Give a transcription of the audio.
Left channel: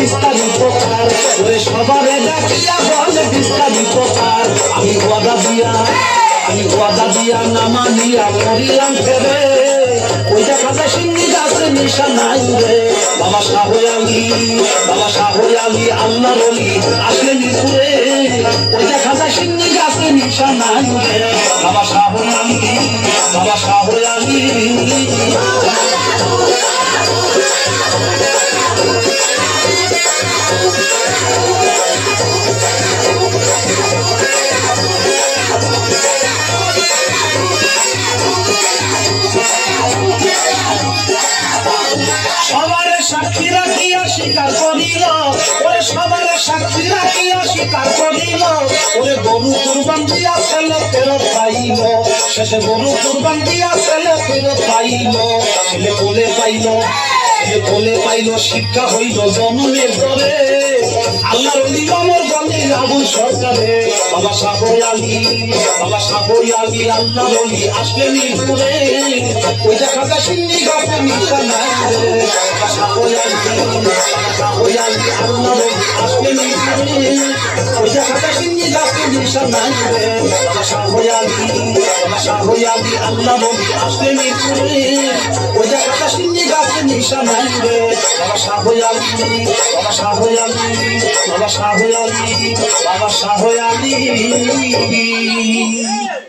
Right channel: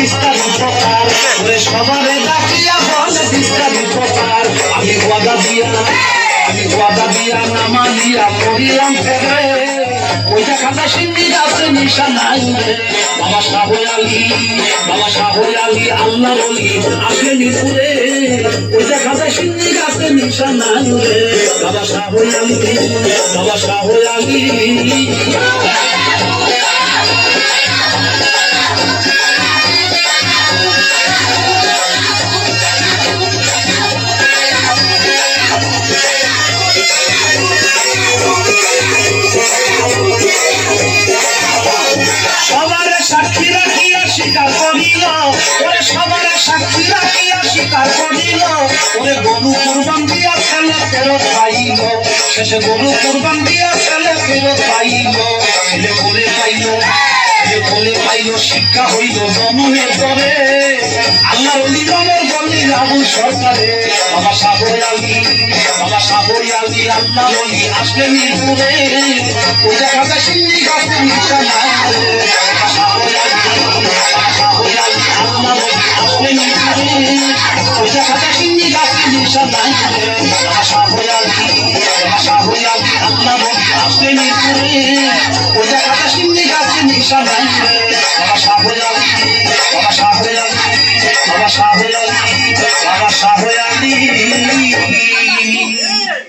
বিস্তারিত কার ওরে সবারে ডাকিয়া বলে বিস্তারিত কার আমি ওয়াদা দিয়া নামালিয়া করিলাম ফেরে ওই যে খাতা সিন্নি গাছে নিশা নাই রে বাবা শাহ আলী আল্লাহ বলি আসেনি ঘুরে ওই যে খাতা সিন্নি গাছে নিশা নাই রে বাবা শাহ আলী সবারে সাক্ষী রাখিয়া স্বীকার করিল ওরে সবারে সাক্ষী রাখিয়া স্বীকার করিল ওরে গরু কুরবান দিয়া ছেলে ফেরত পাইল শেষে গরু কুরবান দিয়া ছেলে ফেরত পাইল ছেলে কোলে পাইল শিক্ষা হইল জনমের পরে আল্লাহর নিজামের গলি আবু সরকারে বাবা শাহ আলী আল্লাহ বলি আসলে মিরপুরে ওই জায়গাটা সিন্নি গাছে নিশা নাই শাহ আলী আল্লাহ বলি আসলে মিরপুরে ওই জায়গাটা সিন্নি গাছে নিশা নাই বাবা শাহ আলী আল্লাহ বলি আসলে মিরপুরে ওই জায়গাটা সিন্নি গাছে নিশা নাই রে বাবা শাহ আলী